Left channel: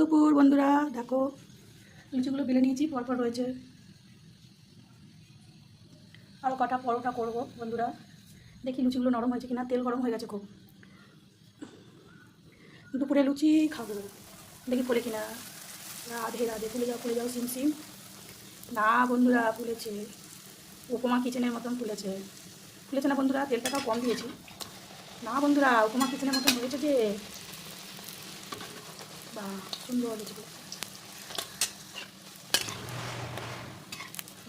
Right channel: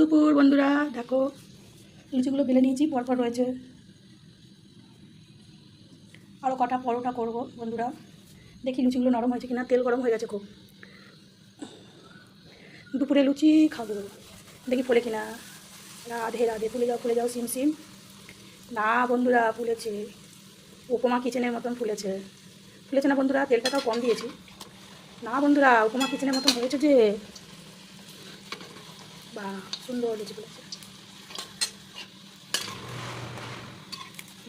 দুপুর বন্ধুরা, দেখো লুচিগুলো বেলে নিয়েছি, পরপর রয়েছে। আরও কটা পরোটা করব বন্ধুরা। দেখি লুচিগুলো নরম হয়েছে কিনা, তেল গরম হয়ে গেছে খুব। দুপুরে লুচি খাবো, দেখি ফুলে কিনা। রাধে রাধে, ফুলে যাও সিম সিম। না বন্ধুরা, ফুলেছে, উপমা কিচেনের মতন ফুলেছে। ফুলেছে না বন্ধুরা? তেলটাও কম দিয়েছি। না বন্ধুরা, উপমা কিচেনের মতন হয়েছে যে, বা সুন্দর লুচি ফুলেছে।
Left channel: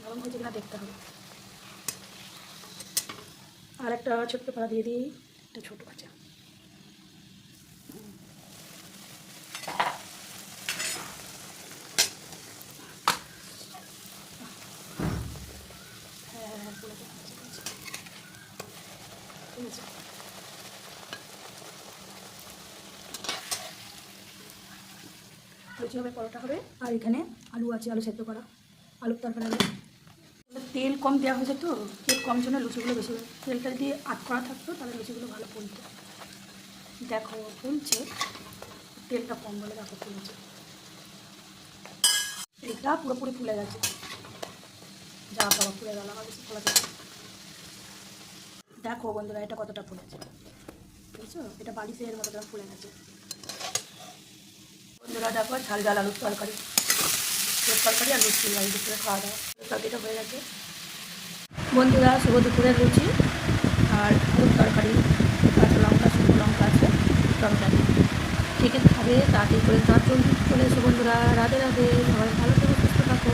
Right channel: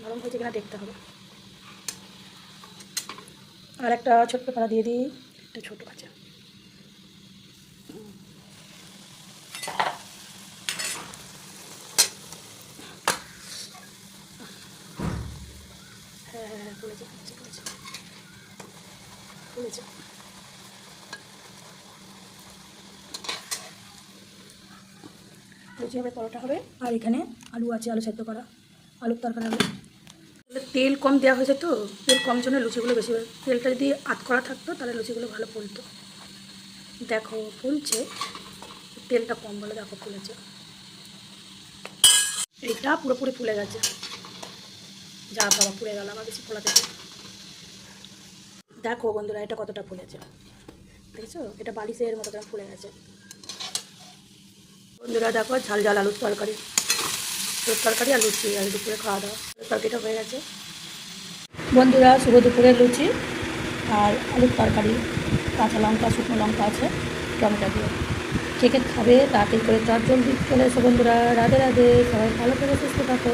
নরম হয়েছে কিনা দেখতে হবে। আর একটা ছোট্ট পাড়া দিয়ে দিই, একটা ছোটো আছে। হ্যাঁ ফুলেছে ফুলেছে। লুচি হবে, পরোটা হবে, আর এখানে আলু আছে, আলু সেদ্ধ করা, আলুর তরকারি হবে। তেল কম দেওয়া হয়েছে তো, তেল কম জন্য লুচিগুলো বেশি হয়। তেলটা যদি আধ করা থাকতো তাহলে লুচিগুলো ভালো ফুলতো। দেখো ফুলছে, তেলটা কম বলে দেখো ফুলেছে। এইটা পুরোপুরি ফুলে গেছে, যা বাবা ফুলে গেল, আমার বেশি ফোলা থেকে। দেখো বন্ধুরা, এটা কতটা ফুলেছে দেখছো? এটা বালিশের মতো করে ফুলে গেছে বন্ধুরা। দেখো ঝাল ঝাল আলুর তরকারি, তরকারি আর লুচি, আর দুপুরে খাওয়া দাওয়া তরকারিটা হয়ে গেছে বন্ধুরা। শুভ দুপুরের লুচি আর আলুর তরকারি, কাঁচা লঙ্কা, শুকনো লঙ্কা আছে, টমেটো দিয়ে। কে কে খাবে তাড়াতাড়ি করে চট জলদি চলে এসো বন্ধুরা। রাধে রাধে, সবাই ভালো থেকে সুস্থ থাকো।